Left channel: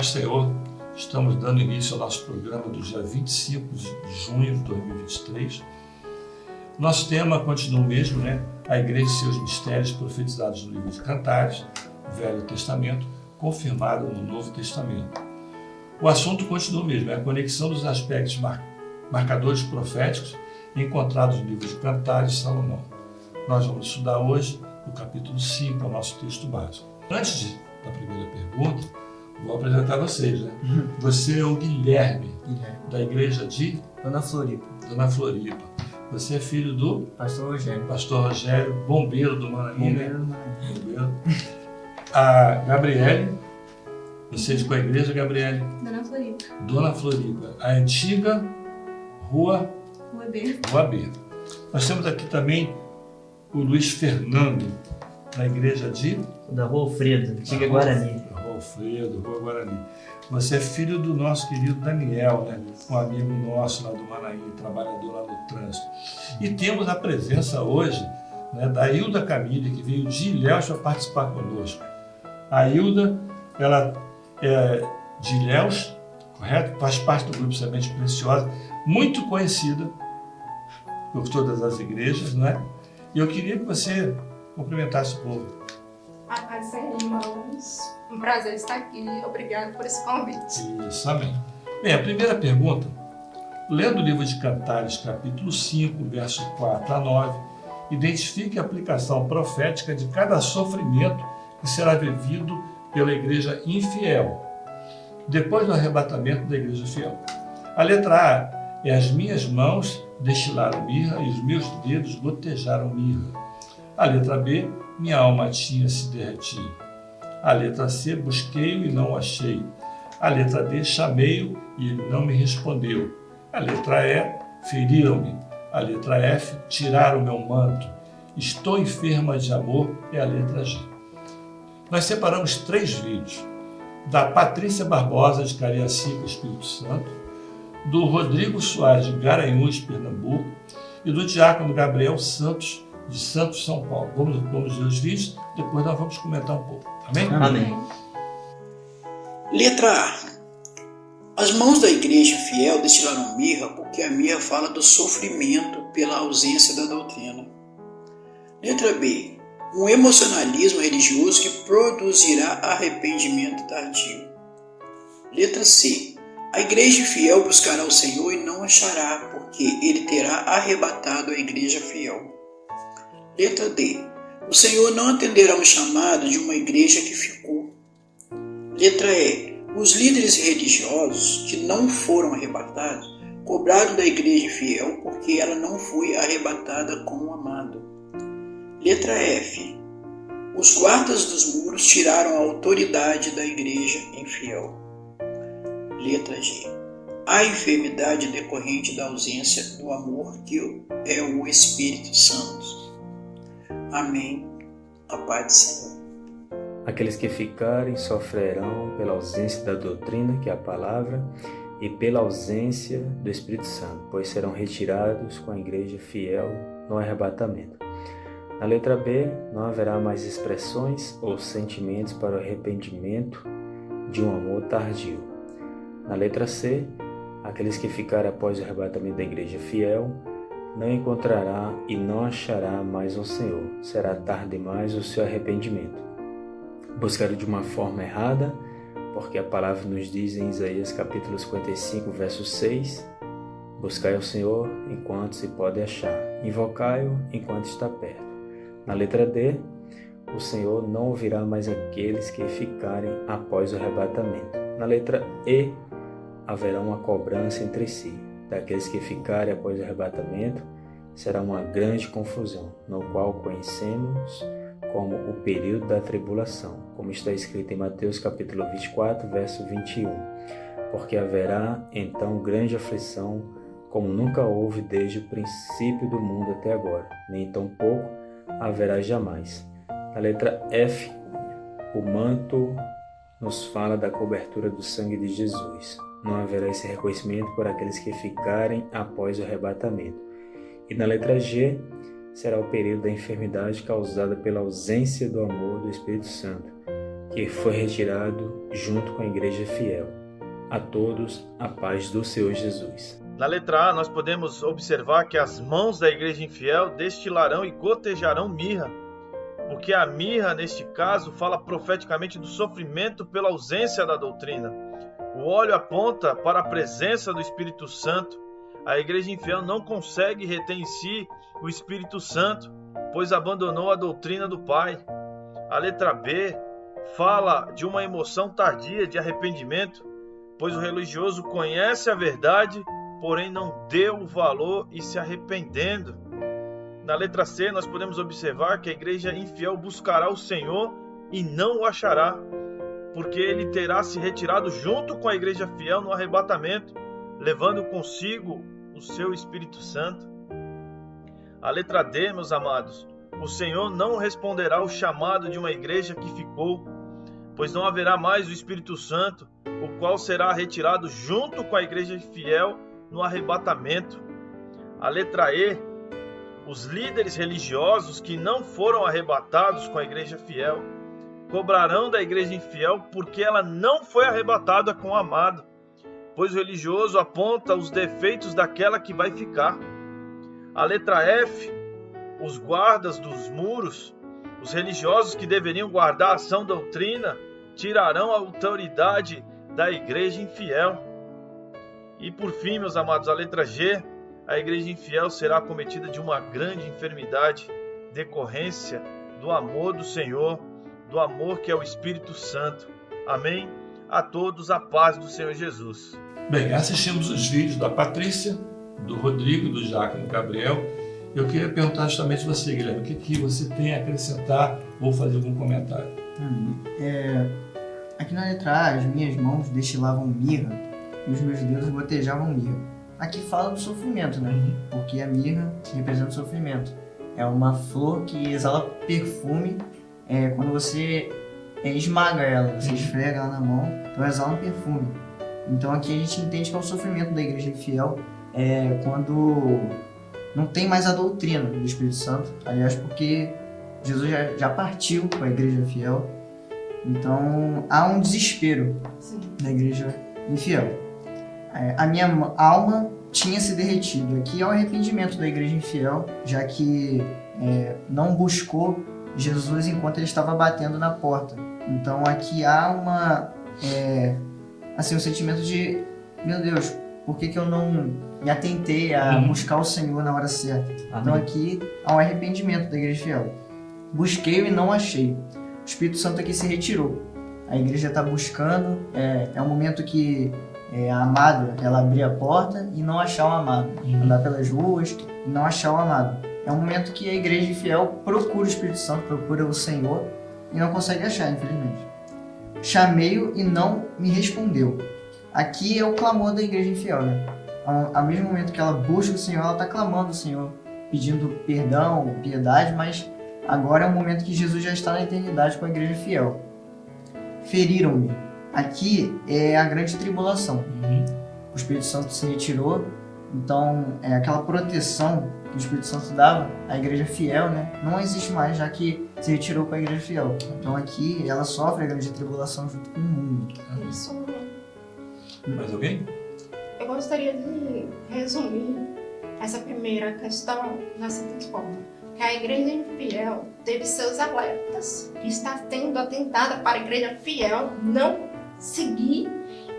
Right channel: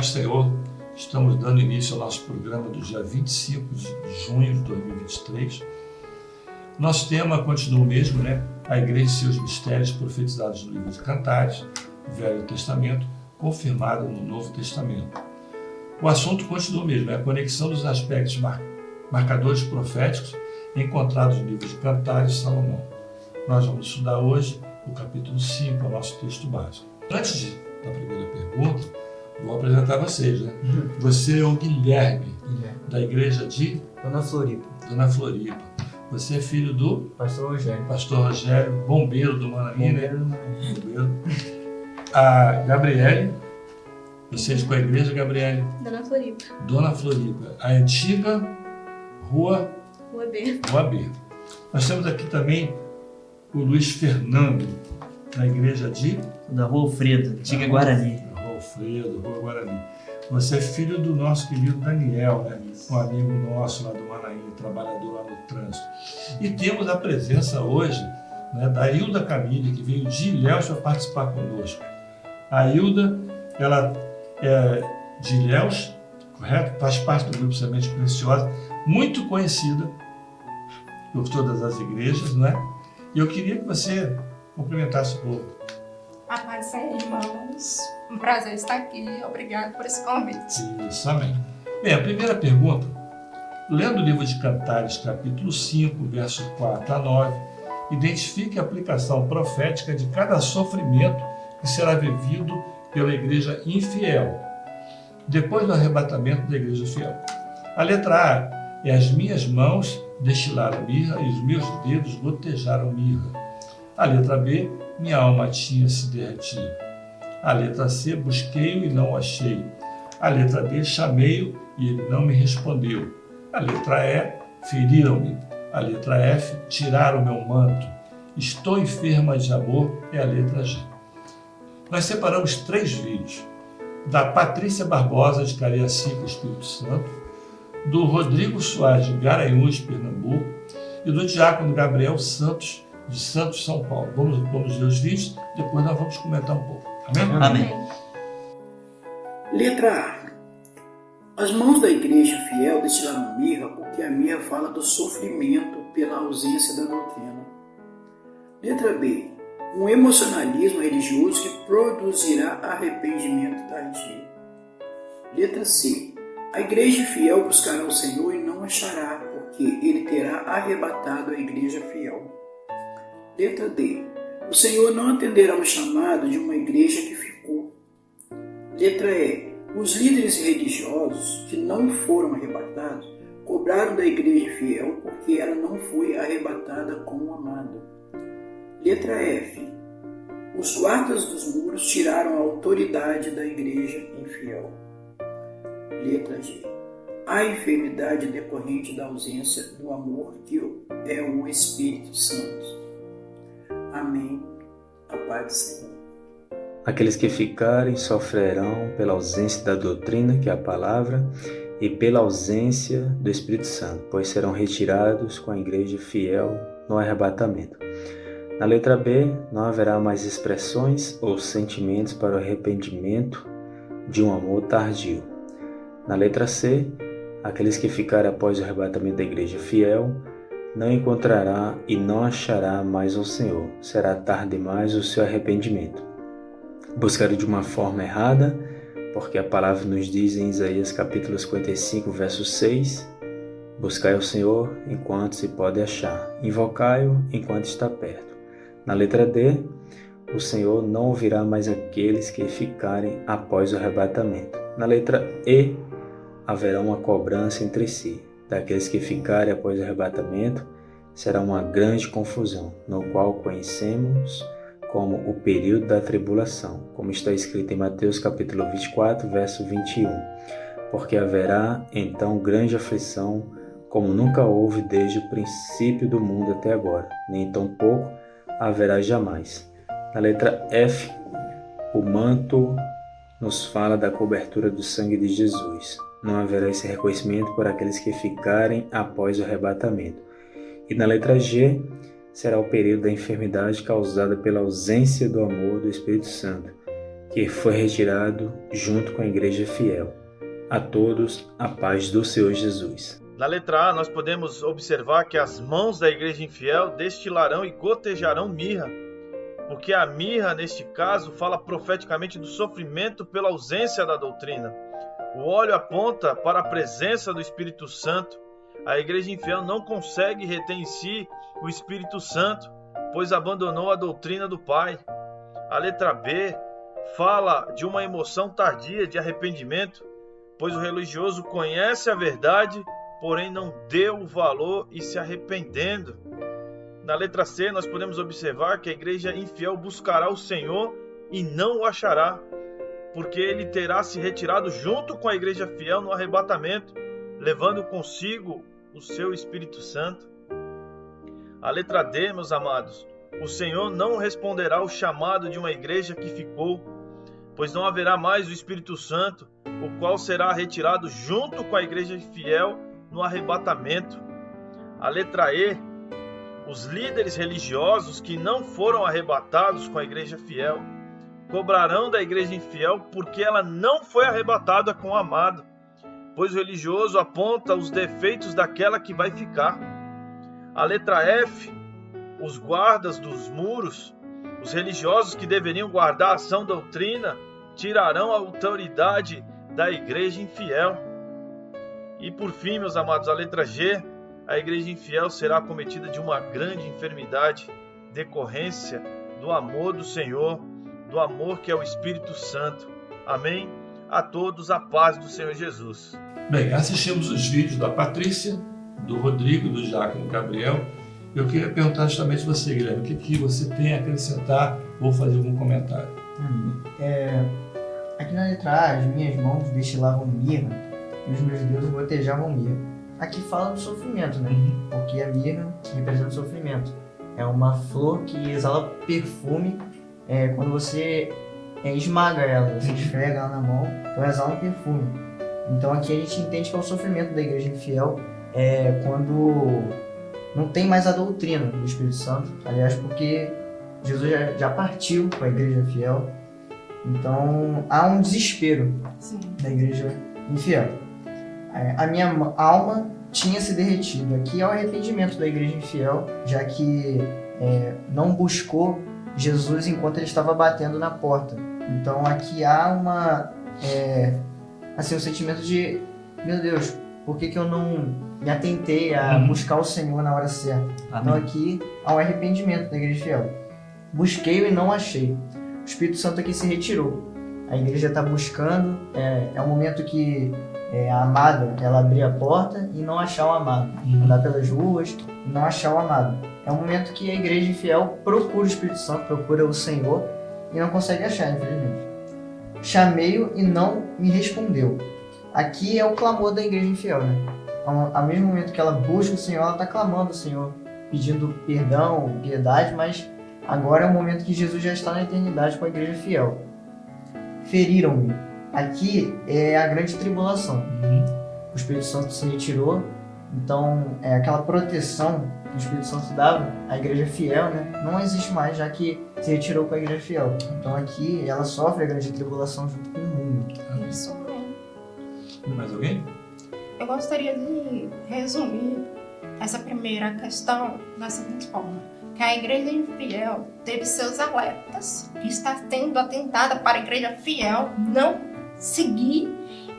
do Senhor, estamos dando início ao nosso programa do dia 25 de junho de 2023. Nosso tema continua o mesmo, né? A Igreja e seus mistérios profetizados no livro de Cantares, Velho Testamento, confirmado no Novo Testamento. O assunto continua o mesmo, é a conexão dos aspectos marcadores proféticos encontrados no livro de Cantares de Salomão. Nós vamos estudar hoje o capítulo 5, o nosso texto básico. Antes da primeira pergunta, vou apresentar vocês, né? Você é o Guilherme, da igreja de Dona Floripa. Dona Floripa. Você é filho do Pastor Rogério. Pastor Rogério, bombeiro do Manaim, né? Bombeiro. A Gabriele, vocês com a igreja, Gabriele? Dona Floripa. Dona Floripa, a antiga Rua B. Rua B. Nós temos aqui também o Luiz Fernando, da igreja de Da Rua Alfredo, antiga Guarani. Rua Alfredo, Rua Guarani. Você é filho do nosso querido Daniel, né? Um amigo nosso lá do Manaim, trabalhador lá no trânsito. E temos a presença hoje, né, da Hilda Camille, que veio de Ilhéus para participar conosco. A Hilda, ela é de Ilhéus, correto? Faz parte do grupo Semente Preciosa, muito conhecida por todas as igrejas, não é? E eu queria que você cumprimentasse o povo. A paz, Senhor, irmãos. Um prazer estar aqui. Obrigado por esse convite. Isso, amém. Bem, a primeira pergunta, lendo o livro de Cantares, capítulo 5, versos 4 a 9, identifique a aplicação profética de cada sofrimento que será vivido pela igreja infiel, depois do arrebatamento da igreja fiel. A letra A é: as minhas mãos destilaram mirra e os meus dedos gotejaram mirra. A letra B: minha alma tinha se derretido. A letra C: busquei-o e não o achei. A letra D: chamei-o e ele não me respondeu. A letra E: feriram-me. A letra F: tiraram meu manto. Estou enferma de amor, é a letra G. Nós separamos 3 vídeos: da Patrícia Barbosa, de Cariacica, Espírito Santo, do Rodrigo Soares, de Garanhuns, Pernambuco, e do diácono Gabriel Santos, de Santos, São Paulo. Vamos ver os vídeos, depois nós vamos comentar um pouco. Amém? Amém. Letra A. As mãos da igreja fiel destilaram mirra, porque a mirra fala do sofrimento pela ausência da doutrina. Letra B. Um emocionalismo religioso que produzirá arrependimento tardio. Letra C. A igreja fiel buscará o Senhor e não achará, porque ele terá arrebatado a igreja fiel. Letra D. O Senhor não atenderá um chamado de uma igreja que ficou. Letra E. Os líderes religiosos que não foram arrebatados cobraram da igreja fiel porque ela não foi arrebatada com o amado. Letra F. Os guardas dos muros tiraram a autoridade da igreja infiel. Letra G. A enfermidade decorrente da ausência do amor, que é o Espírito Santo. Amém. A paz do Senhor. Aqueles que ficarem sofrerão pela ausência da doutrina, que é a palavra, e pela ausência do Espírito Santo, pois serão retirados com a igreja fiel no arrebatamento. Na letra B, não haverá mais expressões ou sentimentos para o arrependimento de um amor tardio. Na letra C, aqueles que ficarem após o arrebatamento da igreja fiel não encontrará e não achará mais o Senhor. Será tarde demais o seu arrependimento. Buscaram de uma forma errada, porque a palavra nos diz em Isaías capítulo 55, verso 6: buscai ao Senhor enquanto se pode achar, invocai-o enquanto está perto. Na letra D, o Senhor não ouvirá mais aqueles que ficarem após o arrebatamento. Na letra E, haverá uma cobrança entre si. Daqueles que ficarem após o arrebatamento, será uma grande confusão, no qual conhecemos como o período da tribulação, como está escrito em Mateus capítulo 24, verso 21. Porque haverá então grande aflição, como nunca houve desde o princípio do mundo até agora, nem tampouco haverá jamais. Na letra F, o manto nos fala da cobertura do sangue de Jesus. Não haverá esse reconhecimento por aqueles que ficarem após o arrebatamento. E na letra G, será o período da enfermidade causada pela ausência do amor do Espírito Santo. que foi retirado junto com a igreja fiel. A todos, a paz do Senhor Jesus. Na letra A, nós podemos observar que as mãos da igreja infiel destilarão e gotejarão mirra, porque a mirra, neste caso, fala profeticamente do sofrimento pela ausência da doutrina. O óleo aponta para a presença do Espírito Santo. A igreja infiel não consegue reter em si o Espírito Santo, pois abandonou a doutrina do Pai. A letra B fala de uma emoção tardia de arrependimento, pois o religioso conhece a verdade, porém não deu o valor e se arrependendo. Na letra C, nós podemos observar que a igreja infiel buscará o Senhor e não o achará, porque ele terá se retirado junto com a igreja fiel no arrebatamento, levando consigo o seu Espírito Santo. A letra D, meus amados, o Senhor não responderá ao chamado de uma igreja que ficou, pois não haverá mais o Espírito Santo, o qual será retirado junto com a igreja fiel no arrebatamento. A letra E, os líderes religiosos que não foram arrebatados com a igreja fiel cobrarão da igreja infiel porque ela não foi arrebatada com o amado, pois o religioso aponta os defeitos daquela que vai ficar. A letra F, os guardas dos muros, os religiosos que deveriam guardar a sã doutrina, tirarão a autoridade da igreja infiel. E por fim, meus amados, a letra G, a igreja infiel será acometida de uma grande enfermidade, decorrência do amor do Senhor, do amor que é o Espírito Santo. Amém? A todos a paz do Senhor Jesus. Bem, assistimos os vídeos da Patrícia, do Rodrigo, do Diácono Gabriel. Eu queria perguntar justamente você, Guilherme, o que você tem a acrescentar ou fazer algum comentário? Aqui na letra A, as minhas mãos destilavam mirra e os meus dedos gotejavam mirra. Aqui fala do sofrimento, né? Porque a mirra representa o sofrimento. É uma flor que exala perfume quando você esmaga ela, você esfrega ela na mão, então exala um perfume. Então aqui a gente entende que é o sofrimento da igreja infiel quando não tem mais a doutrina do Espírito Santo. Aliás, porque Jesus já partiu com a igreja infiel. Então há um desespero da igreja infiel. A minha alma tinha se derretido. Aqui é o arrependimento da igreja infiel, já que não buscou Jesus enquanto ele estava batendo na porta. Então aqui há um sentimento de, meu Deus, por que eu não me atentei a buscar o Senhor na hora certa? Amém. Então aqui há um arrependimento da igreja fiel. Busquei e não achei. O Espírito Santo aqui se retirou. A igreja está buscando, é um momento que a amada, ela abrir a porta e não achar o amado. Andar pelas ruas e não achar o amado. É um momento que a igreja fiel procura o Espírito Santo, procura o Senhor e não consegue achar, infelizmente. Chamei-o e não me respondeu. Aqui é o clamor da igreja infiel, né? Ao mesmo momento que ela busca o Senhor, ela está clamando o Senhor, pedindo perdão, piedade, mas agora é o momento que Jesus já está na eternidade com a igreja fiel. Feriram-me. Aqui é a grande tribulação. O Espírito Santo se retirou, então aquela proteção que o Espírito Santo dava à igreja fiel, né, não existe mais, já que se retirou com a igreja fiel. Então aqui ela sofre a grande tribulação junto com o mundo. Isso mesmo. Mais alguém? Eu gostaria de resumir essa primeira questão da seguinte forma: que a igreja infiel teve seus alertas, que está sendo atentada para a igreja fiel não seguir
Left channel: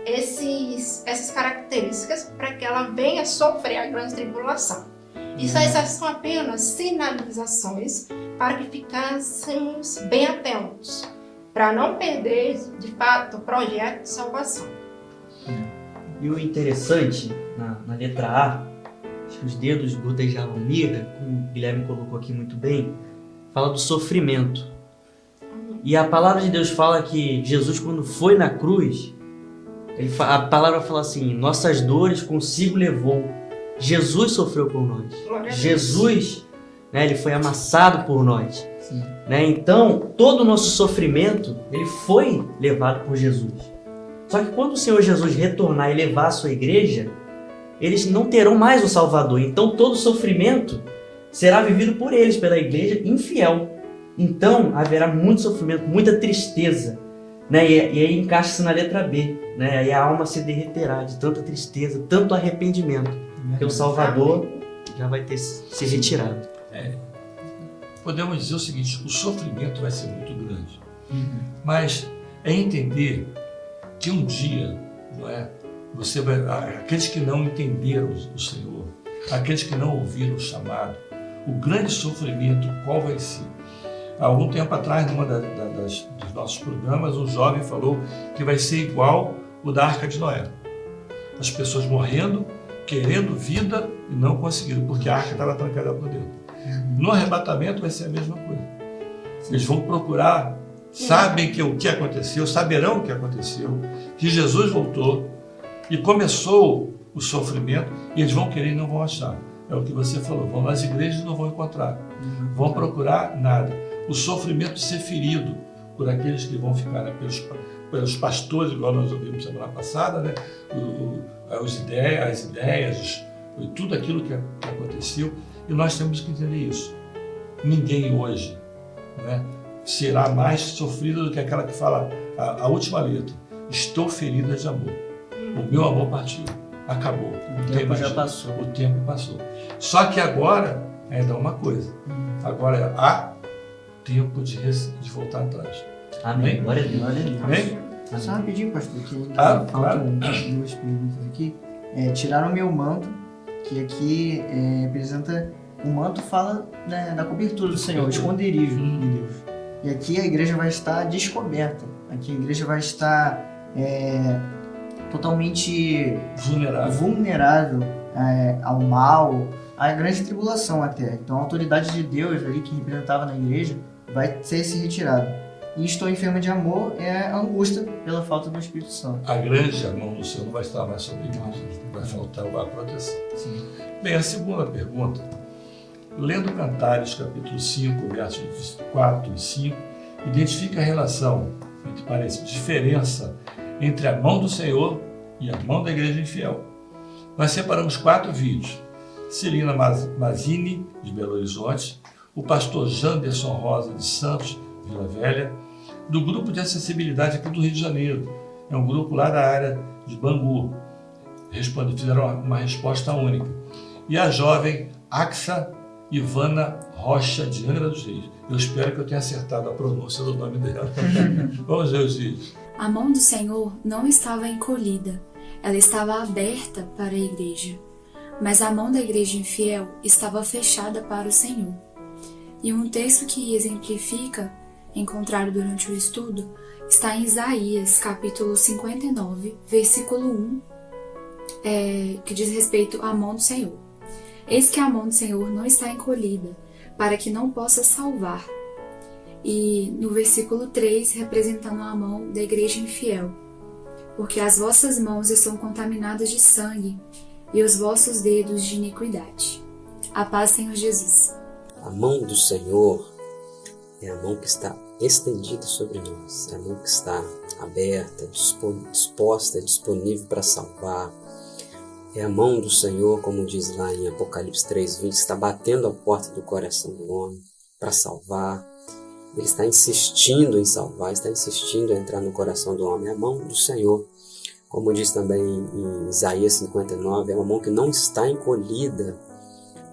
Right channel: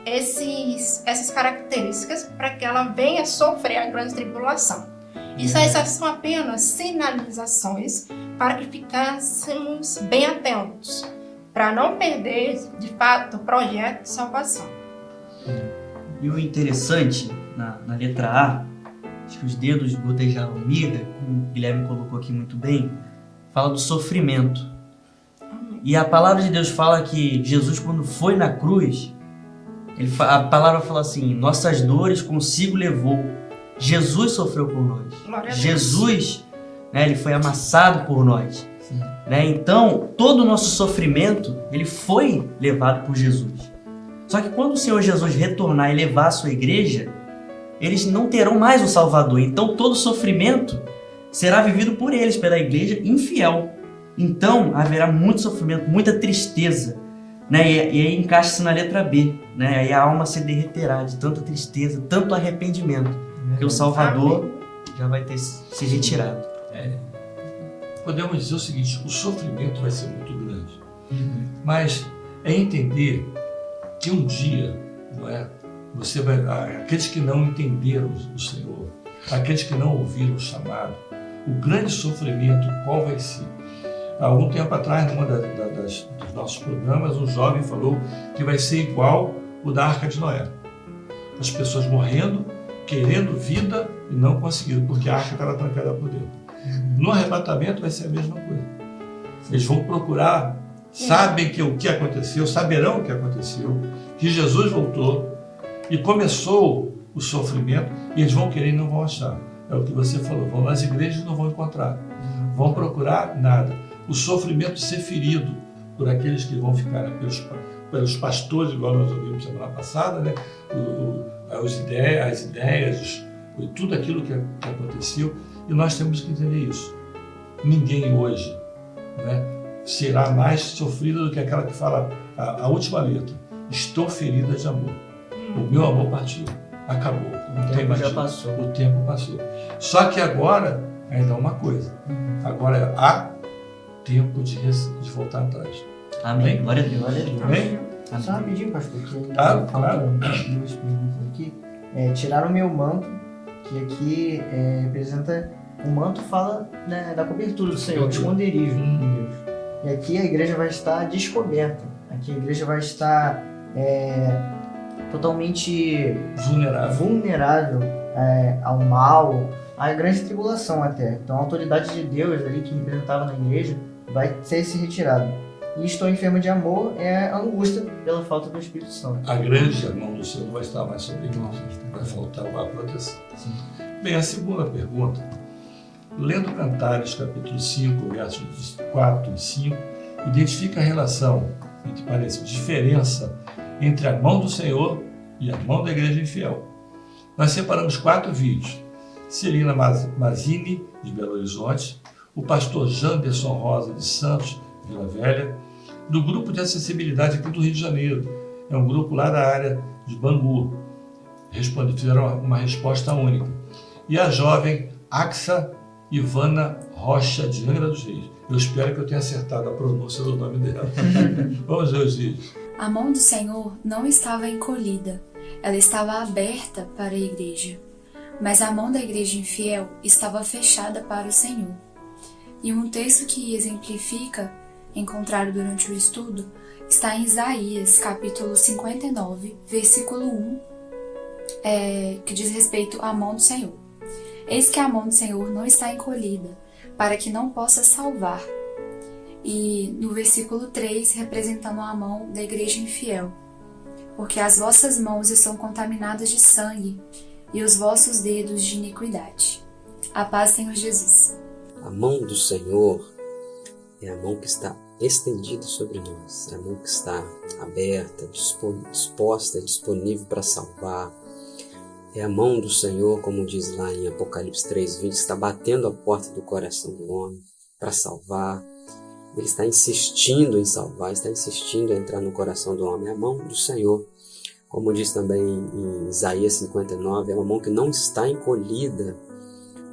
essas características para que ela venha sofrer a grande tribulação. Essas são apenas sinalizações para que ficássemos bem atentos, para não perder, de fato, o projeto de salvação. E o interessante, na letra A, acho que os dedos gotejavam mirra, como o Guilherme colocou aqui muito bem, fala do sofrimento. E a palavra de Deus fala que Jesus, quando foi na cruz, a palavra fala assim: nossas dores consigo levou. Jesus sofreu por nós. Jesus, ele foi amassado por nós. Então, todo o nosso sofrimento, ele foi levado por Jesus. Só que quando o Senhor Jesus retornar e levar a sua igreja, eles não terão mais o Salvador. Então, todo sofrimento será vivido por eles, pela igreja infiel. Então, haverá muito sofrimento, muita tristeza. né? E aí encaixa-se na letra B, né? Aí a alma se derreterá de tanta tristeza, tanto arrependimento, que o Salvador já vai ter se retirado. Podemos dizer o seguinte: o sofrimento vai ser muito grande, mas é entender que um dia, não é? Você vai, aqueles que não entenderam o Senhor, aqueles que não ouviram o chamado, o grande sofrimento qual vai ser? Há algum tempo atrás, numa dos nossos programas, um jovem falou que vai ser igual o da Arca de Noé. As pessoas morrendo, querendo vida e não conseguindo, porque a arca estava trancada por dentro. No arrebatamento vai ser a mesma coisa. Eles vão procurar, sabem que o que aconteceu, saberão o que aconteceu, que Jesus voltou e começou o sofrimento, e eles vão querer e não vão achar. É o que você falou, vão nas igrejas e não vão encontrar. Vão procurar nada. O sofrimento ser ferido por aqueles que vão ficar, né, pelos pastores, igual nós ouvimos semana passada, né? As ideias, tudo aquilo que aconteceu, e nós temos que entender isso. Ninguém hoje, né, será mais sofrido do que aquela que fala a última letra: estou ferida de amor. O meu amor partiu, acabou. Então, imagina, já passou. O tempo passou. Só que agora ainda é uma coisa. Agora há tempo de voltar atrás. Amém. Glória a Deus. Amém? Só rapidinho, pastor, que claro. Duas perguntas aqui. Tiraram o meu manto, que aqui representa. O manto fala, né, da cobertura do Senhor, do esconderijo de Deus. E aqui a igreja vai estar descoberta. Aqui a igreja vai estar totalmente vulnerável ao mal, à grande tribulação até. Então a autoridade de Deus ali que representava na igreja vai ser se retirada. E estou enferma de amor é a angústia pela falta do Espírito Santo. A grande mão do Senhor não vai estar mais sobre nós, vai faltar a proteção. Sim. Bem, a segunda pergunta, lendo Cantares capítulo 5, versos 4 e 5, identifica a relação, que parece diferença, entre a mão do Senhor e a mão da igreja infiel. Nós separamos 4 vídeos. Celina Mazini, de Belo Horizonte, o pastor Janderson Rosa de Santos, Vila Velha, do grupo de acessibilidade aqui do Rio de Janeiro. É um grupo lá da área de Bangu. Fizeram uma resposta única. E a jovem Axa Ivana Rocha, de Angra dos Reis. Eu espero que eu tenha acertado a pronúncia do nome dela. Vamos ver os vídeos. A mão do Senhor não estava encolhida, ela estava aberta para a igreja. Mas a mão da igreja infiel estava fechada para o Senhor. E um texto que exemplifica, encontrado durante o estudo, está em Isaías, capítulo 59, versículo 1, que diz respeito à mão do Senhor. Eis que a mão do Senhor não está encolhida, para que não possa salvar. E no versículo 3, representando a mão da igreja infiel. Porque as vossas mãos estão contaminadas de sangue, e os vossos dedos de iniquidade. A paz, Senhor Jesus. A mão do Senhor é a mão que está estendida sobre nós, é a mão que está aberta, disposta, disponível para salvar. É a mão do Senhor, como diz lá em Apocalipse 3:20, que está batendo a porta do coração do homem para salvar. Ele está insistindo em salvar, está insistindo em entrar no coração do homem. É a mão do Senhor. Como diz também em Isaías 59, é uma mão que não está encolhida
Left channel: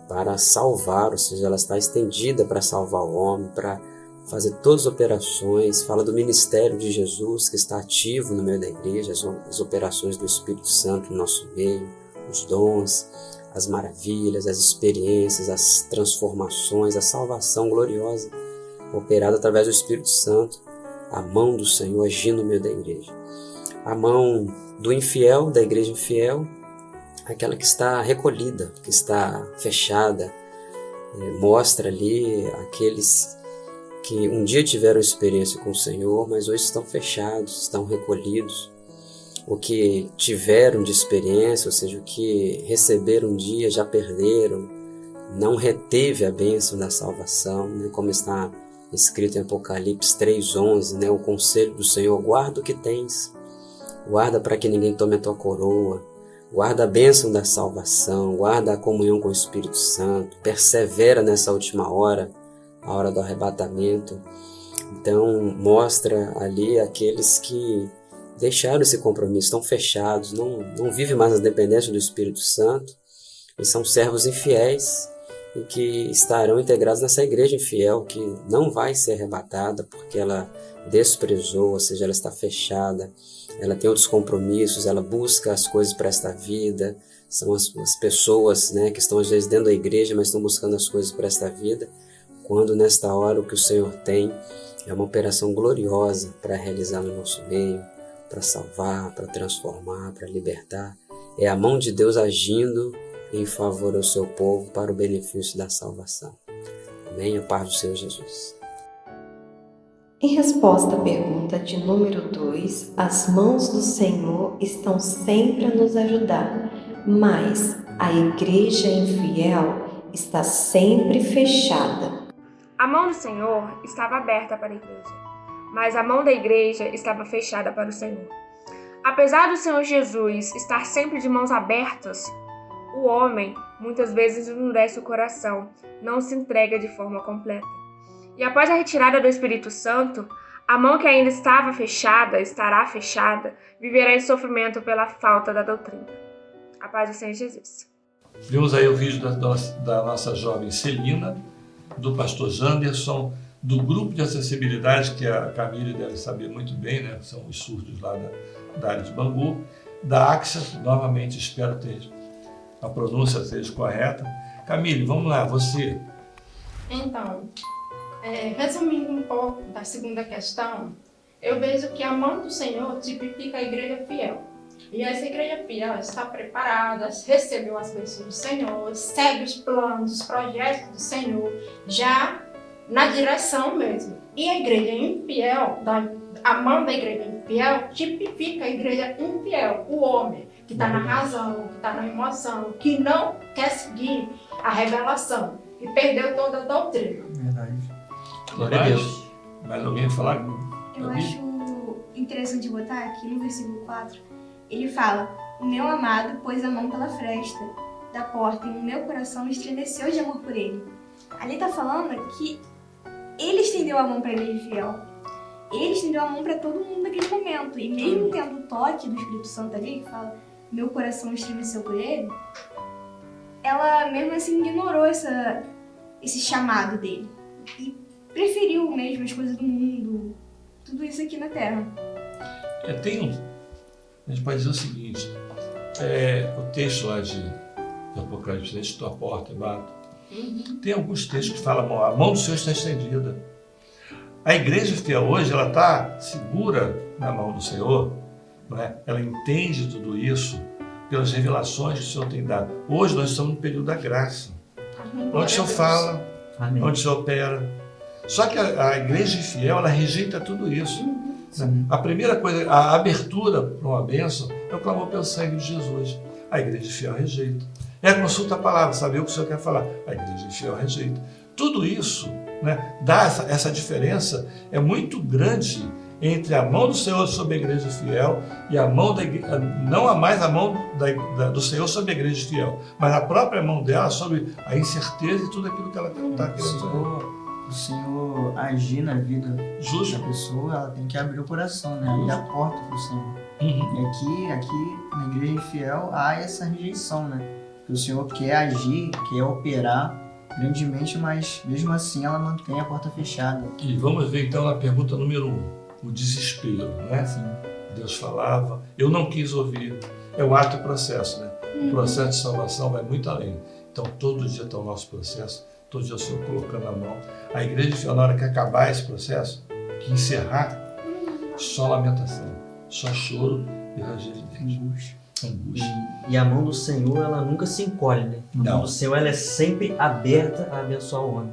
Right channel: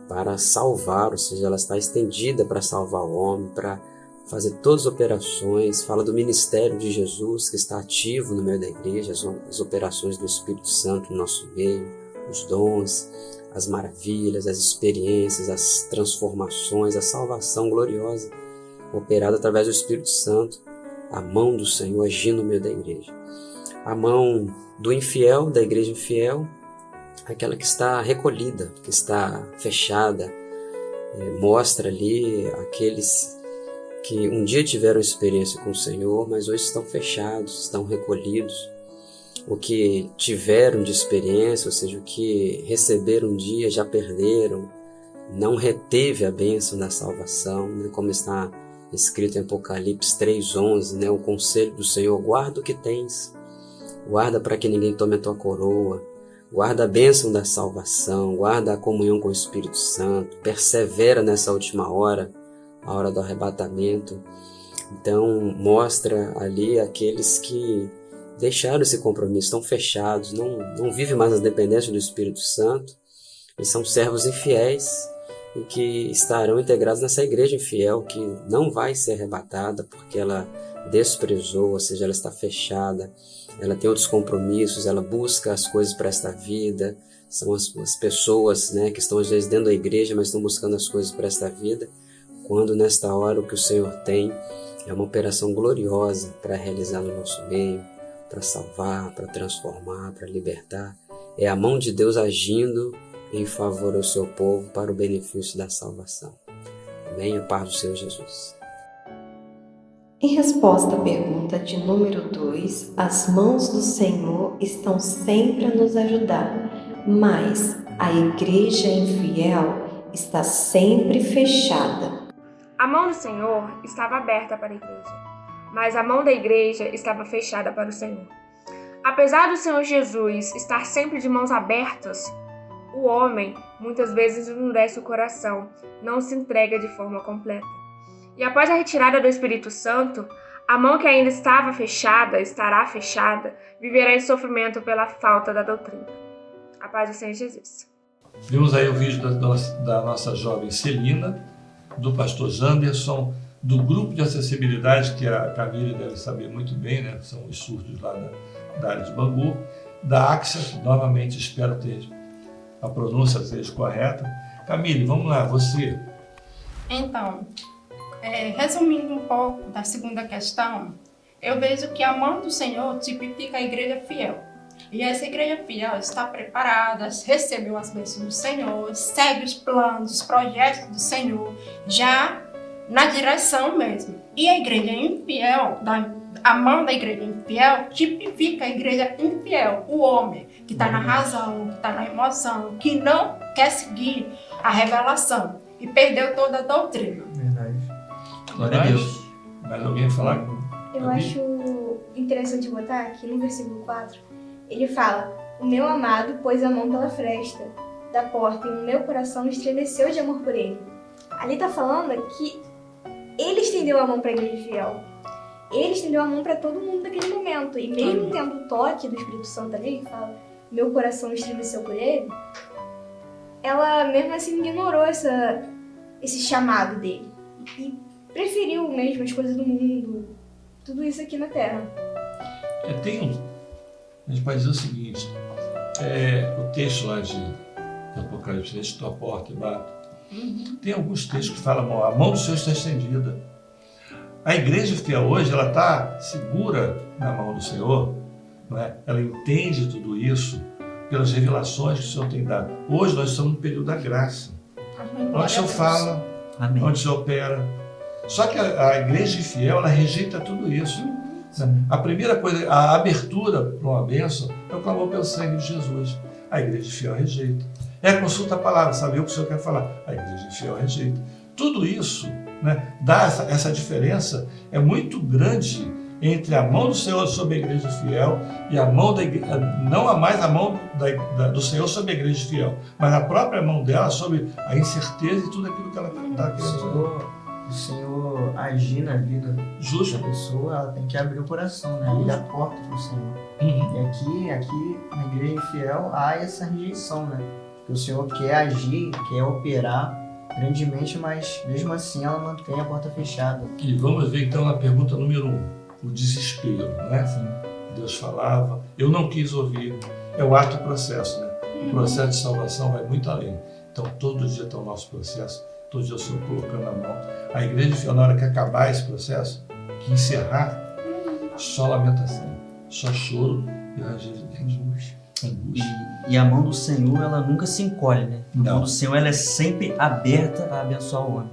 para salvar, ou seja, ela está estendida para salvar o homem, para fazer todas as operações. Fala do ministério de Jesus que está ativo no meio da igreja, as operações do Espírito Santo no nosso meio, os dons, as maravilhas, as experiências, as transformações, a salvação gloriosa operada através do Espírito Santo, a mão do Senhor agindo no meio da igreja. A mão do infiel, da igreja infiel, aquela que está recolhida, que está fechada, mostra ali aqueles que um dia tiveram experiência com o Senhor, mas hoje estão fechados, estão recolhidos. O que tiveram de experiência, ou seja, o que receberam um dia, já perderam, não reteve a bênção da salvação, né? Como está escrito em Apocalipse 3:11, né? O conselho do Senhor: guarda o que tens, guarda para que ninguém tome a tua coroa, guarda a bênção da salvação, guarda a comunhão com o Espírito Santo, persevera nessa última hora, a hora do arrebatamento, Então mostra ali aqueles que deixaram esse compromisso, estão fechados, não vivem mais na dependência do Espírito Santo, e são servos infiéis e que estarão integrados nessa igreja infiel que não vai ser arrebatada porque ela desprezou, ou seja, ela está fechada, ela tem outros compromissos, ela busca as coisas para esta vida. São as pessoas, né, que estão às vezes dentro da igreja, mas estão buscando as coisas para esta vida, quando nesta hora o que o Senhor tem é uma operação gloriosa para realizar no nosso meio, para salvar, para transformar, para libertar. É a mão de Deus agindo em favor ao seu povo para o benefício da salvação. Amém? A paz do Senhor Jesus. Em resposta à pergunta de número 2, as mãos do Senhor estão sempre a nos ajudar, mas a igreja infiel está sempre fechada. A mão do Senhor estava aberta para a igreja, mas a mão da igreja estava fechada para o Senhor. Apesar do Senhor Jesus estar sempre de mãos abertas, o homem muitas vezes endurece o coração, não se entrega de forma completa. E após a retirada do Espírito Santo, a mão que ainda estava fechada, estará fechada, viverá em sofrimento pela falta da doutrina. A paz do Senhor Jesus. Vimos aí o vídeo da nossa jovem Celina, do pastor Janderson, do grupo de acessibilidade, que a Camille deve saber muito bem, né? São os surdos lá da área de Bangu, da AXA, novamente espero ter a pronúncia seja correta. Camille, vamos lá, você. Então, resumindo um pouco da segunda questão, eu vejo que a mão do Senhor tipifica a igreja fiel. E essa igreja fiel está preparada, recebeu as bênçãos do Senhor, segue os planos, os projetos do Senhor, já na direção mesmo. E a igreja infiel, a mão da igreja infiel, tipifica a igreja infiel, o homem que está na razão, que está na emoção, que não quer seguir a revelação e perdeu toda a doutrina. Verdade. Glória a Deus. Mais alguém falar? Eu acho interessante botar aqui no versículo 4, ele fala: o meu amado pôs a mão pela fresta da porta e o meu coração estremeceu de amor por ele. Ali está falando que ele estendeu a mão para a igreja fiel. Ele estendeu a mão para todo mundo naquele momento. E mesmo tendo o toque do Espírito Santo ali, que fala: meu coração estremeceu por ele, ela mesmo assim ignorou esse chamado dele. E preferiu mesmo as coisas do mundo, tudo isso aqui na Terra. A gente pode dizer o seguinte, o texto lá de Apocalipse, estou à porta e bato, tem alguns textos que falam, a mão do Senhor está estendida. A igreja fiel hoje, ela está segura na mão do Senhor, não é? Ela entende tudo isso pelas revelações que o Senhor tem dado. Hoje nós estamos no período da graça, onde o Senhor fala, Amém. onde o Senhor opera. Só que a igreja fiel, ela rejeita tudo isso. A primeira coisa, a abertura para uma bênção é o clamor pelo sangue de Jesus. A igreja fiel rejeita. É a consulta a palavra, saber o que o Senhor quer falar. A igreja fiel rejeita. Tudo isso, né, dá essa diferença, é muito grande entre a mão do Senhor sobre a igreja fiel e a mão da igreja, não mais a mão do Senhor sobre a igreja fiel, mas a própria mão dela sobre a incerteza e tudo aquilo que ela está querendo fazer. O Senhor agir na vida Justo. da pessoa, ela tem que abrir o coração, né? Abrir a porta para o Senhor. E aqui na igreja infiel há essa rejeição, né? Que o Senhor quer agir, quer operar grandemente, mas mesmo assim ela mantém a porta fechada. E vamos ver então na pergunta número 1, o desespero, né? Deus falava, eu não quis ouvir. É o ato e o processo, né? O processo de salvação vai muito além. Então todo dia está o nosso processo, todo dia o Senhor colocando a mão. A igreja fiel, na hora que acabar esse processo, que encerrar, só lamentação, só choro e ranger de dentes. E a mão do Senhor, ela nunca se encolhe, né? A Não. mão do Senhor, ela é sempre aberta a abençoar o homem.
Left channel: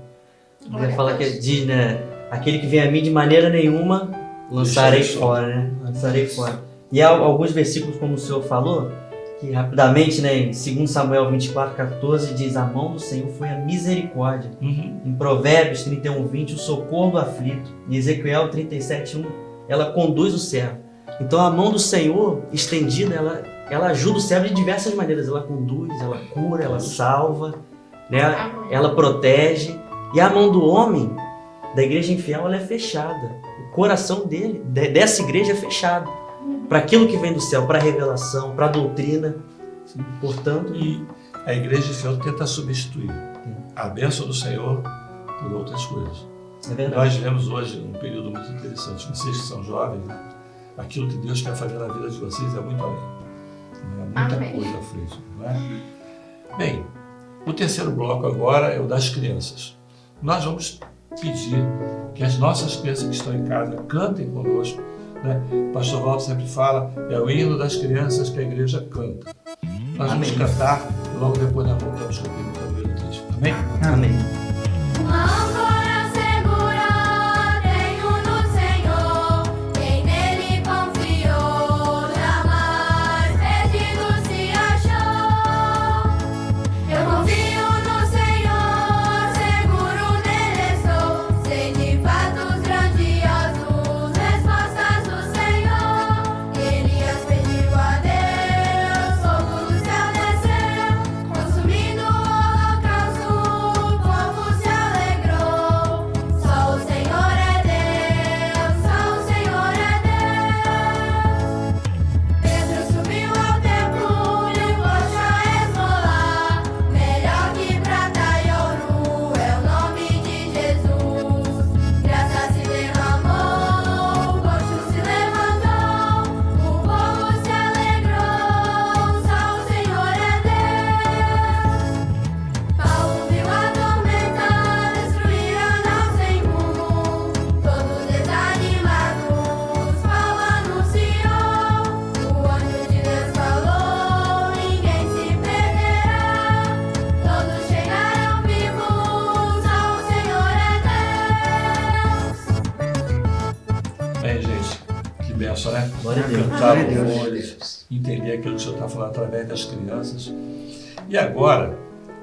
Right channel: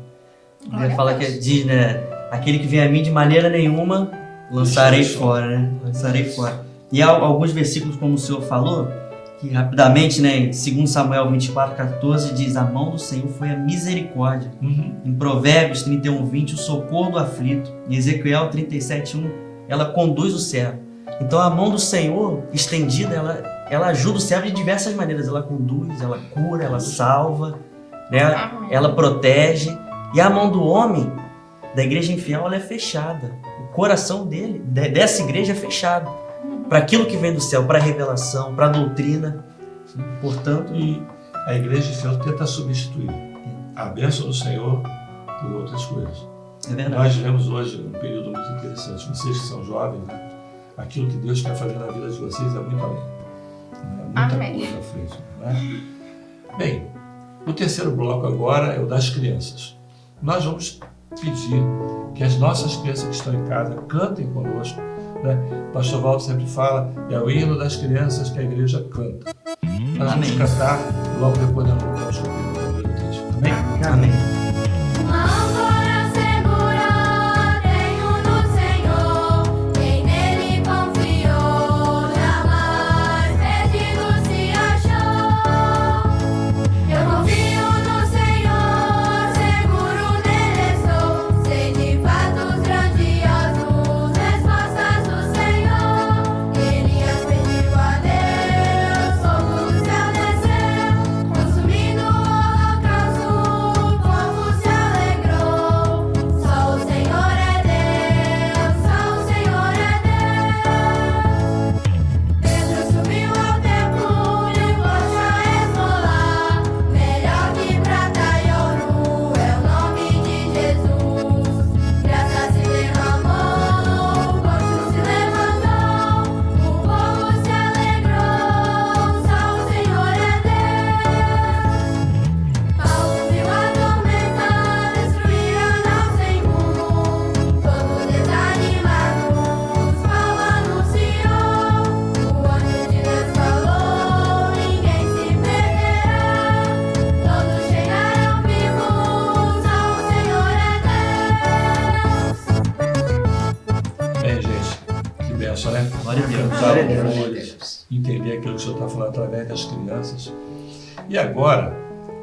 Ele fala que diz, né? Aquele que vem a mim de maneira nenhuma, lançarei fora, né? Lançarei fora. E há alguns versículos, como o Senhor falou, que rapidamente, né? Em 2 Samuel 24:14 diz: a mão do Senhor foi a misericórdia. Em Provérbios 31:20, o socorro do aflito. Em Ezequiel 37:1, ela conduz o servo. Então a mão do Senhor estendida, ela ajuda o servo de diversas maneiras. Ela conduz, ela cura, ela salva, né? Ela protege. E a mão do homem, da igreja infiel ela é fechada. O coração dele, dessa igreja, é fechado para aquilo que vem do céu, para a revelação, para a doutrina. Portanto, E a igreja infiel tenta substituir a bênção do Senhor por outras coisas. é verdade. Nós vivemos hoje um período muito interessante. Vocês que são jovens, né? Aquilo que Deus quer fazer na vida de vocês é muito além. Muita Amém. coisa à frente. Né? Bem, o terceiro bloco agora é o das crianças. Nós vamos pedir que as nossas crianças que estão em casa cantem conosco. Né? O pastor Walter sempre fala, é o hino das crianças que a igreja canta. Nós vamos Amém. cantar, logo depois nós vamos cantar o primeiro texto. Amém? Amém. Uma âncora segura tenho no Senhor, quem nele confiou jamais perdido se achou. Eu confio no Senhor, seguro nele estou, sei de fatos grandiosos, respostas do Senhor. Elias pediu a Deus, fogo do céu desceu, consumindo o holocausto, o povo se alegrou. Só o Senhor é Deus, só o Senhor é Deus. Pedro subiu ao templo e o poxa a esmolar. Melhor que prata e ouro é o nome de Jesus. Graça se derramou, o poço se levantou, o povo se alegrou. Só o Senhor é Deus. Paulo viu a tormenta destruir a nau sem rumo. Todos desanimados, Paulo anunciou. O anjo de Deus falou, ninguém se perderá. Todos chegarão vivos, só o Senhor é Deus. Bem, gente, que benção, né? Glória a Deus. Cantar Glória a Deus. louvores, entender aquilo que o Senhor está falando através das crianças. E agora,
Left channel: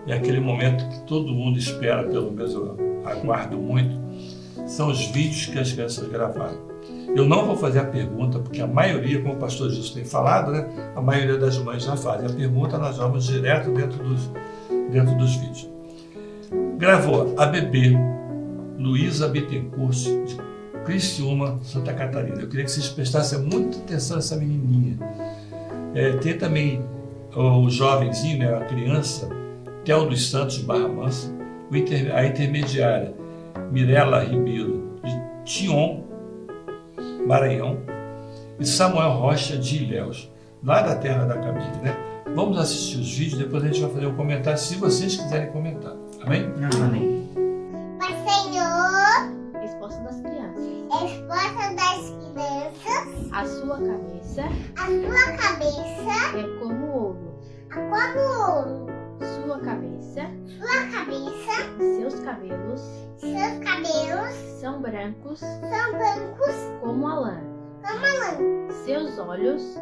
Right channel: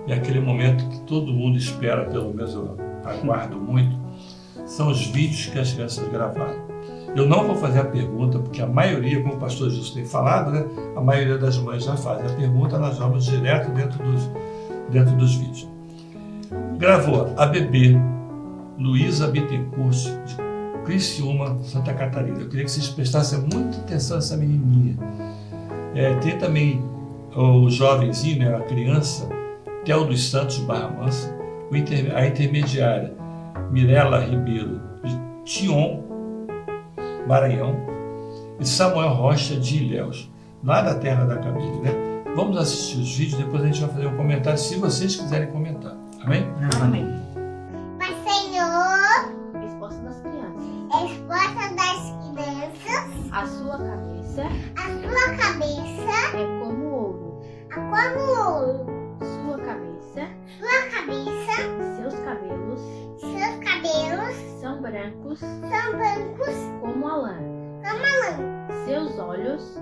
é aquele momento que todo mundo espera, pelo menos eu aguardo muito, são os vídeos que as crianças gravaram. Eu não vou fazer a pergunta, porque a maioria, como o pastor Justo tem falado, né, a maioria das mães já fazem. A pergunta nós vamos direto dentro dos vídeos. Gravou a bebê Luísa Bittencourt, de Criciúma, Santa Catarina. Eu queria que vocês prestassem muita atenção nessa menininha. Tem também o jovenzinho, né, a criança, Theo dos Santos Barra Mansa, a intermediária Mirela Ribeiro, de Tion, Maranhão, e Samuel Rocha de Ilhéus, lá da terra da Camille, né? Vamos assistir os vídeos, depois a gente vai fazer um comentário, se vocês quiserem comentar. Amém? Amém. Mas Senhor, Resposta das crianças. resposta das crianças, A sua cabeça a sua cabeça é como ouro. é como ouro, Sua cabeça sua cabeça, e seus cabelos seus cabelos são brancos são brancos como a lã. como a lã, Seus olhos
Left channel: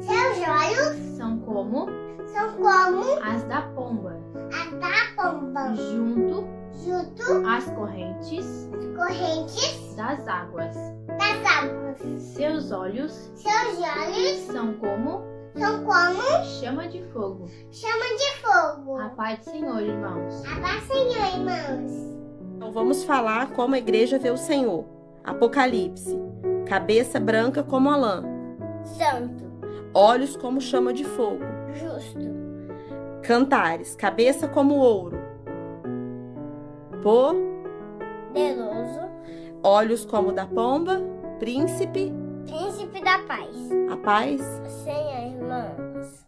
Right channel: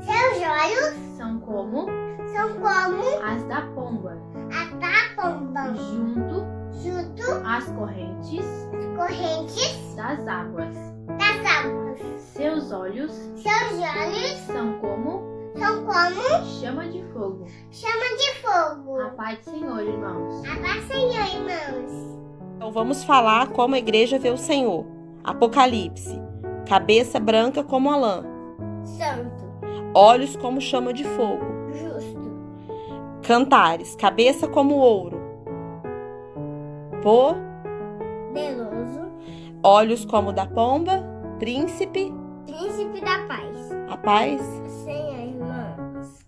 seus olhos são como são como as da pomba, a da pomba, junto junto às correntes às correntes das águas. das águas. Seus olhos Seus olhos são como são como chama de fogo. chama de fogo. A paz do Senhor, irmãos. A paz, Senhor, irmãos. Então vamos falar como a igreja vê o Senhor. Apocalipse. Cabeça branca como a lã. Santo, Olhos como chama de fogo. justo, Cantares. Cabeça como ouro. deloso, Olhos como da pomba. Príncipe. príncipe da paz. A paz. Senhor, irmãos.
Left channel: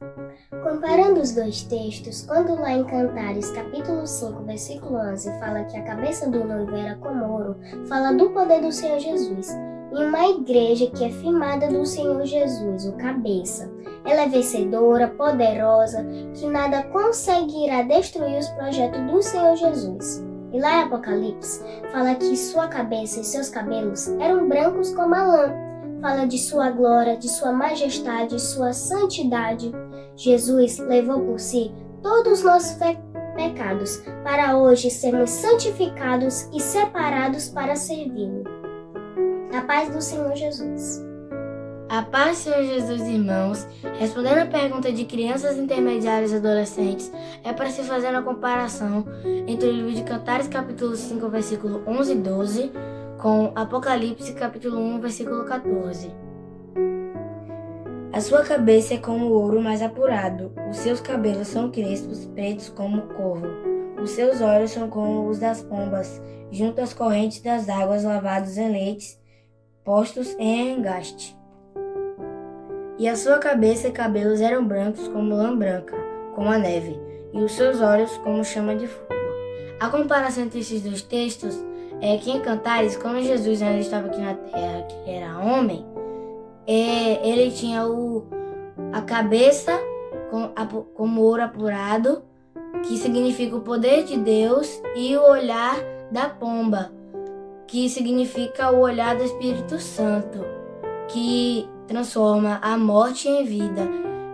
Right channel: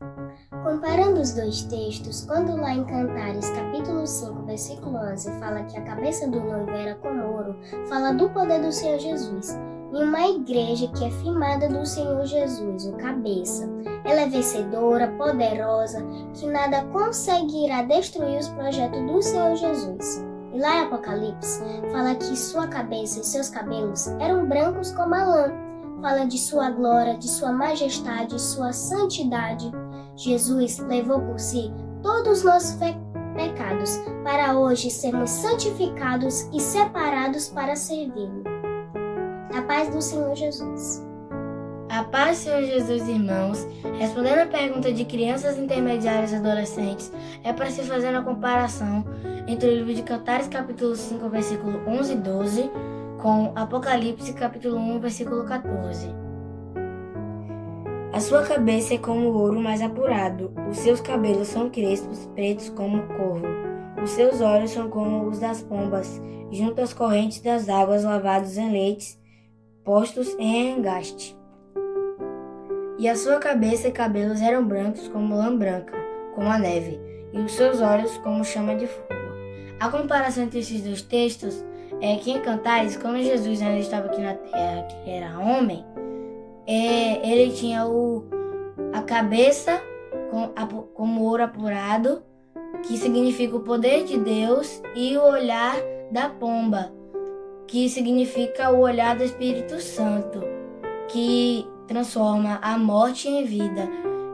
Comparando os dois textos, quando lá em Cantares, capítulo 5, versículo 11, fala que a cabeça do noivo era como ouro, fala do poder do Senhor Jesus. E uma igreja que é firmada do Senhor Jesus, o cabeça. Ela é vencedora, poderosa, que nada conseguirá destruir os projetos do Senhor Jesus. E lá em Apocalipse, fala que sua cabeça e seus cabelos eram brancos como a lã. Fala de sua glória, de sua majestade, sua santidade. Jesus levou por si todos os nossos pecados, para hoje sermos santificados e separados para servi-lo. A paz do Senhor Jesus. A paz, Senhor Jesus, irmãos. Respondendo a pergunta de crianças intermediárias e adolescentes, é para se fazer uma comparação entre o livro de Cantares, capítulo 5, versículo 11 e 12, com Apocalipse, capítulo 1, versículo 14. A sua cabeça é como ouro mais apurado, os seus cabelos são crespos, pretos como corvo. Os seus olhos são como os das pombas, junto às correntes das águas, lavados em leites, postos em engaste. E a sua cabeça e cabelos eram brancos como lã branca, como a neve, e os seus olhos como chama de fogo. A comparação entre esses dois textos é que em Cantares, quando Jesus ainda estava aqui na terra, que era homem, ele tinha a cabeça como ouro apurado, que significa o poder de Deus, e o olhar da pomba, que significa o olhar do Espírito Santo, que transforma a morte em vida.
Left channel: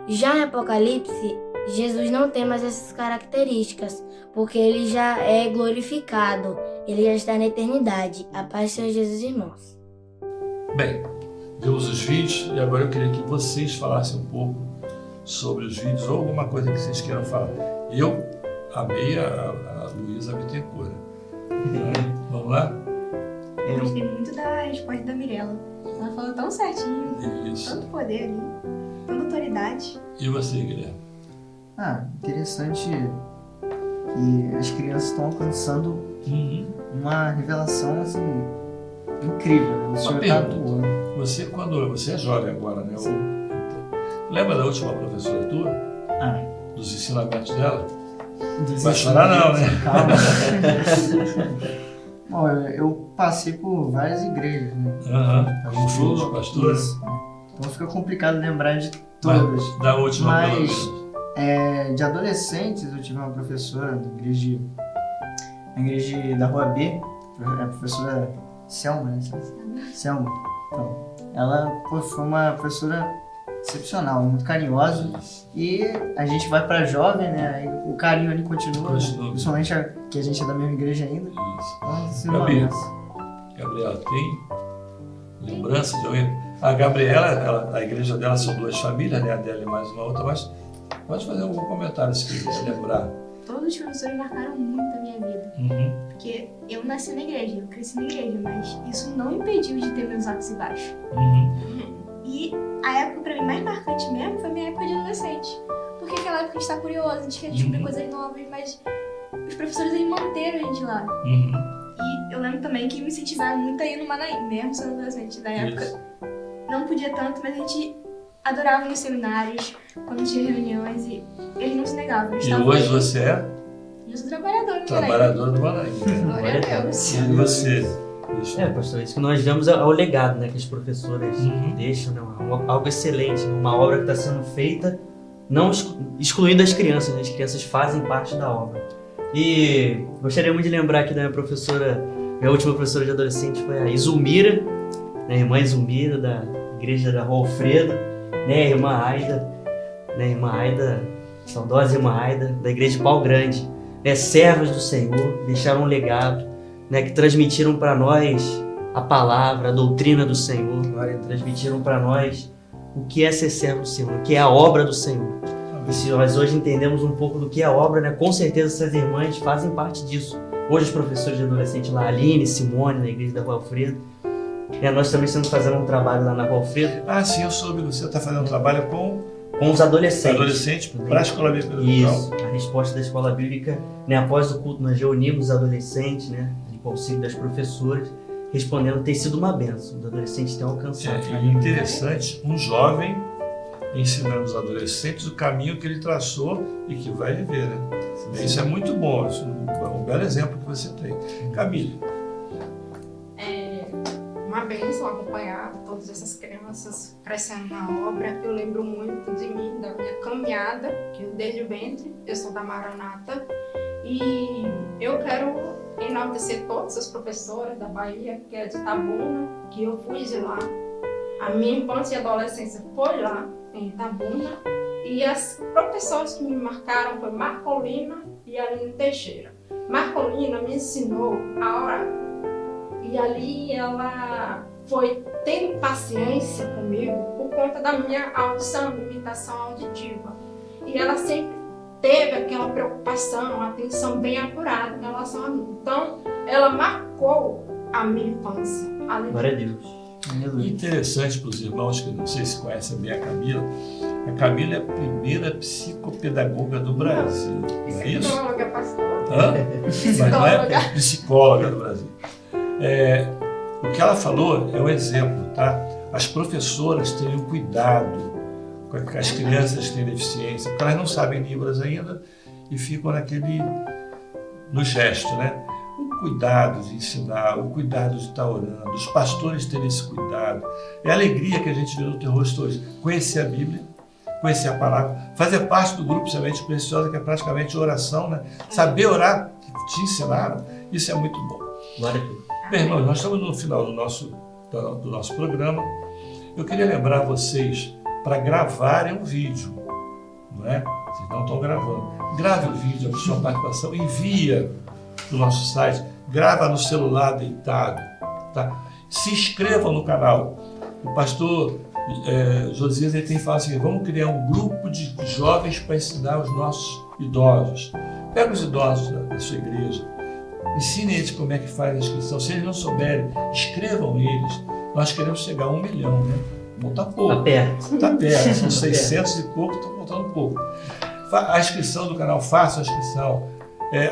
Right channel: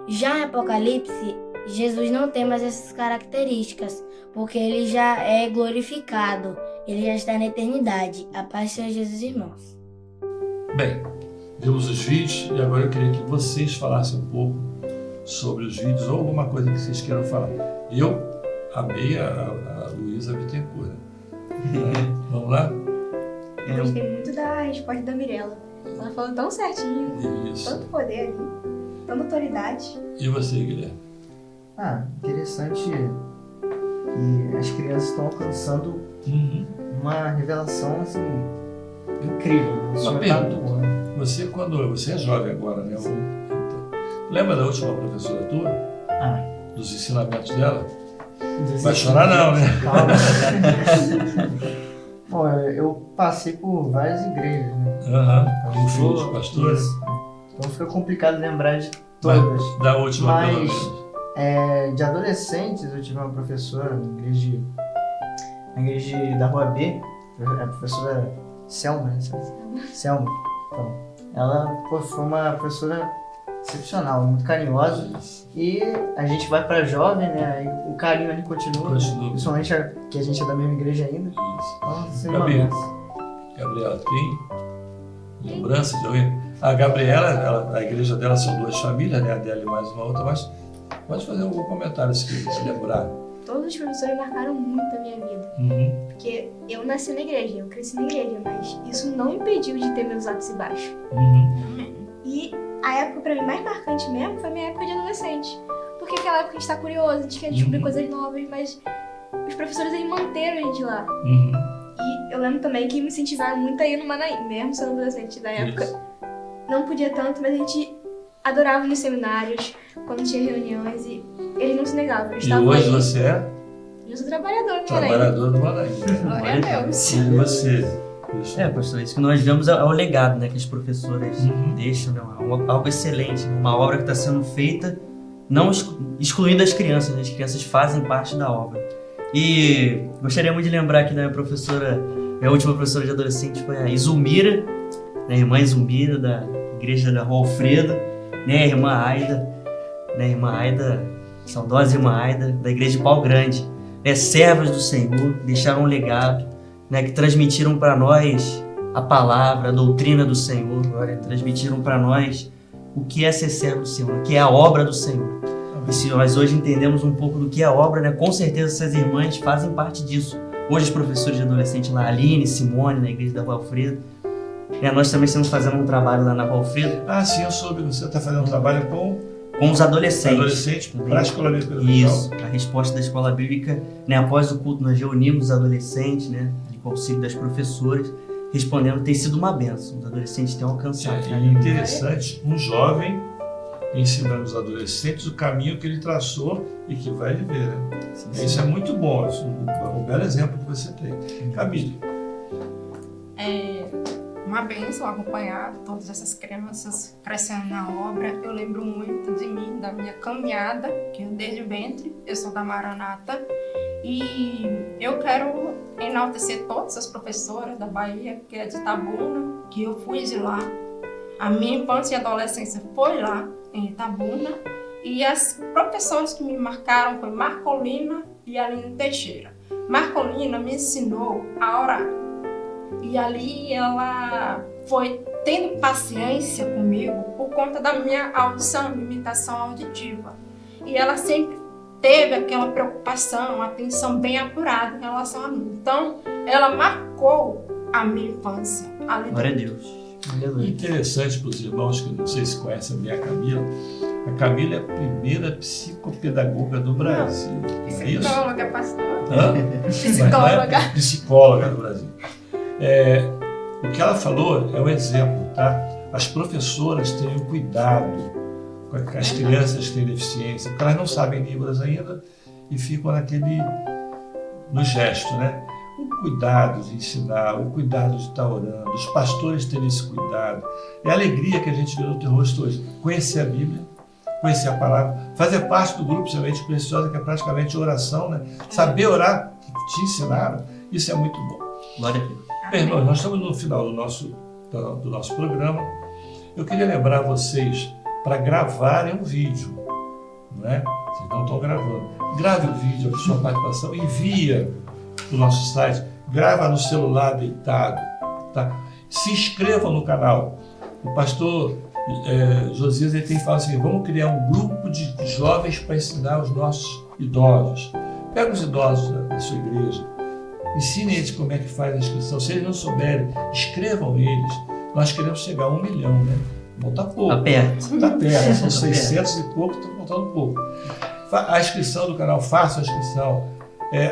Já em Apocalipse, Jesus não tem mais essas características, porque ele já é glorificado, ele já está na eternidade. A paz, Senhor Jesus, irmãos. Bem, vimos os vídeos e agora eu queria que vocês falassem um pouco sobre os vídeos ou alguma coisa que vocês queiram falar. Eu amei a Luísa Bittencourt. Vamos lá? Eu gostei muito da resposta da Mirella. Ela falou tão certinho, Isso. tanto poder ali, tanta autoridade. E você, Guilherme? Interessante que as crianças estão alcançando uma revelação assim, incrível, né? Uma pergunta. Você, quando você é jovem agora, né? Lembra da última professora tua? Dos ensinamentos dela? Vai chorar não, né? Calma. Bom, eu passei por várias igrejas, né? Como filho de pastor. Então fica complicado lembrar de todas. Da última, mas de adolescentes eu tive uma professora na igreja da Rua B, a professora Selma, né? Selma. Então, ela foi uma professora excepcional, muito carinhosa. E a gente vai para jovem, né? Aí o carinho ali continua. Principalmente que a gente é da mesma igreja ainda. Gabriela, tem lembrança de alguém? A Gabriela, a igreja dela são duas famílias, né? A dela e mais uma outra, mas pode fazer algum comentário se lembrar. Todos os professores marcaram muito a minha vida. Porque eu nasci na igreja, eu cresci na igreja, mas isso não impediu de ter meus altos e baixos. E a época pra mim mais marcante mesmo foi a minha época de adolescente. Porque aquela época a gente tá curioso, a gente quer descobrir coisas novas, mas os professores eles manteram a gente lá. E eu lembro também que me incentivaram muito a ir no Manaim, mesmo sendo adolescente da época. Não podia tanto, mas a gente adorava nos seminários, quando tinha reuniões, e eles não se negavam. E hoje você é? Eu sou trabalhadora no Manaim. Trabalhadora do Manaim. Glória a Deus. E você? Pastor, isso que nós vemos é o legado, né, que as professoras deixam, né, algo excelente, uma obra que está sendo feita, não excluindo as crianças, né, as crianças fazem parte da obra. E gostaria muito de lembrar aqui da minha última professora de adolescente foi a Izumira, a irmã Izumira, da igreja da Rua Alfredo, né, a irmã Aida, saudosa irmã Aida, da igreja de Pau Grande, né, servas do Senhor, deixaram um legado, né, que transmitiram para nós a palavra, a doutrina do Senhor, transmitiram para nós o que é ser servo do Senhor, o que é a obra do Senhor. E se nós hoje entendemos um pouco do que é a obra, né, com certeza essas irmãs fazem parte disso. Hoje os professores de adolescente lá, Aline, Simone, na igreja da Rua Alfredo, nós também estamos fazendo um trabalho lá na Rua Alfredo. Sim, eu soube, você está fazendo um trabalho com os adolescentes. Adolescentes para a escola bíblica. Isso, a resposta da escola bíblica, né, após o culto nós reunimos os adolescentes, né, com o auxílio das professoras, respondendo, tem sido uma bênção. Os adolescentes têm alcançado. É interessante, um jovem ensinando os adolescentes o caminho que ele traçou e que vai viver, né? Isso é muito bom, isso é um belo exemplo que você tem. Camille. É uma bênção acompanhar todas essas crianças crescendo na obra. Eu lembro muito de mim, da minha caminhada, que desde o ventre, eu sou da Maranata, e eu quero enaltecer todas as professoras da Bahia, que é de Itabuna, que eu fui de lá. A minha infância e adolescência foi lá, em Itabuna, e as professoras que me marcaram foi Marcolina e Aline Teixeira. Marcolina me ensinou a orar, e ali ela foi tendo paciência comigo por conta da minha audição, limitação auditiva. E ela sempre teve aquela preocupação, atenção bem apurada em relação a mim. Então, ela marcou a minha infância. Glória a Deus. Interessante para os irmãos que não sei se conhecem bem a Camila. A Camila é a primeira psicopedagoga do Brasil. Não é isso? Psicóloga, pastor. Mas não é psicóloga do Brasil. O que ela falou é um exemplo, tá? As professoras têm um cuidado com as crianças que têm deficiência, porque elas não sabem Libras ainda e ficam no gesto, né? O cuidado de ensinar, o cuidado de estar orando, os pastores terem esse cuidado. É a alegria que a gente vê no teu rosto hoje. Conhecer a Bíblia, conhecer a palavra, fazer parte do grupo Semente Preciosa, que é praticamente oração, né? Saber orar, que te ensinaram, isso é muito bom. Glória a Deus. Bem, irmãos, nós estamos no final do nosso programa. Eu queria lembrar vocês para gravarem um vídeo, não é? Vocês não estão gravando. Grave o vídeo, a sua participação, envia do nosso site, grava no celular deitado, tá? Se inscreva no canal. O pastor Josias ele tem falado assim: vamos criar um grupo de jovens para ensinar os nossos idosos. Pega os idosos da sua igreja, ensine eles como é que faz a inscrição. Se eles não souberem, escrevam eles. Nós queremos chegar a 1 milhão, né? Não está pouco. Está perto. Está perto, são 600 e pouco, está faltando pouco. A inscrição do canal, faça a inscrição.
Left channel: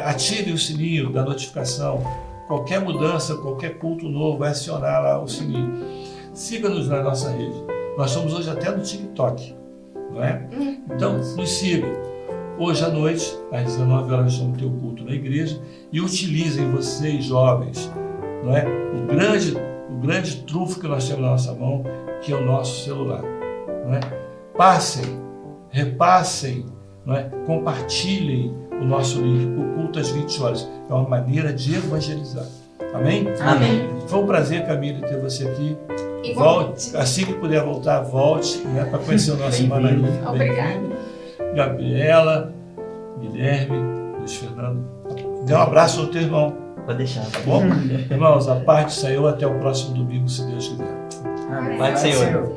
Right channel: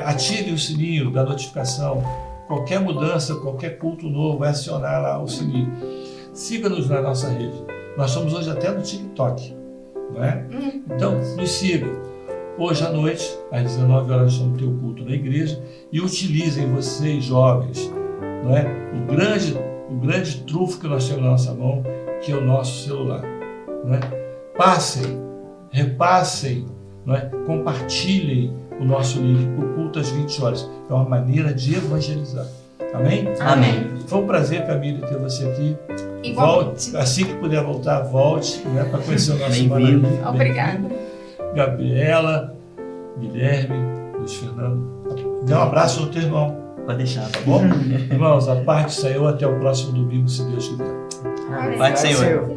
Ative o sininho da notificação. Qualquer mudança, qualquer culto novo, vai acionar lá o sininho. Siga-nos na nossa rede. Nós somos hoje até no TikTok, não é? Então, nos siga. Hoje à noite, às 19 horas, nós vamos ter o culto na igreja e utilizem vocês, jovens, não é? O grande trunfo que nós temos na nossa mão, que é o nosso celular, não é? Passem, repassem, não é? Compartilhem o nosso link para o culto às 20 horas. É uma maneira de evangelizar. Amém? Amém. Foi um prazer, Camila, ter você aqui. Volte, assim que puder voltar, volte, né, para conhecer o nosso Manaí. Obrigada. Gabriela, Guilherme, Luiz Fernando. Dê um abraço no teu irmão. Pode deixar. Tá bom? Irmãos, a paz do Senhor. Até o próximo domingo, se Deus quiser. Paz do Senhor.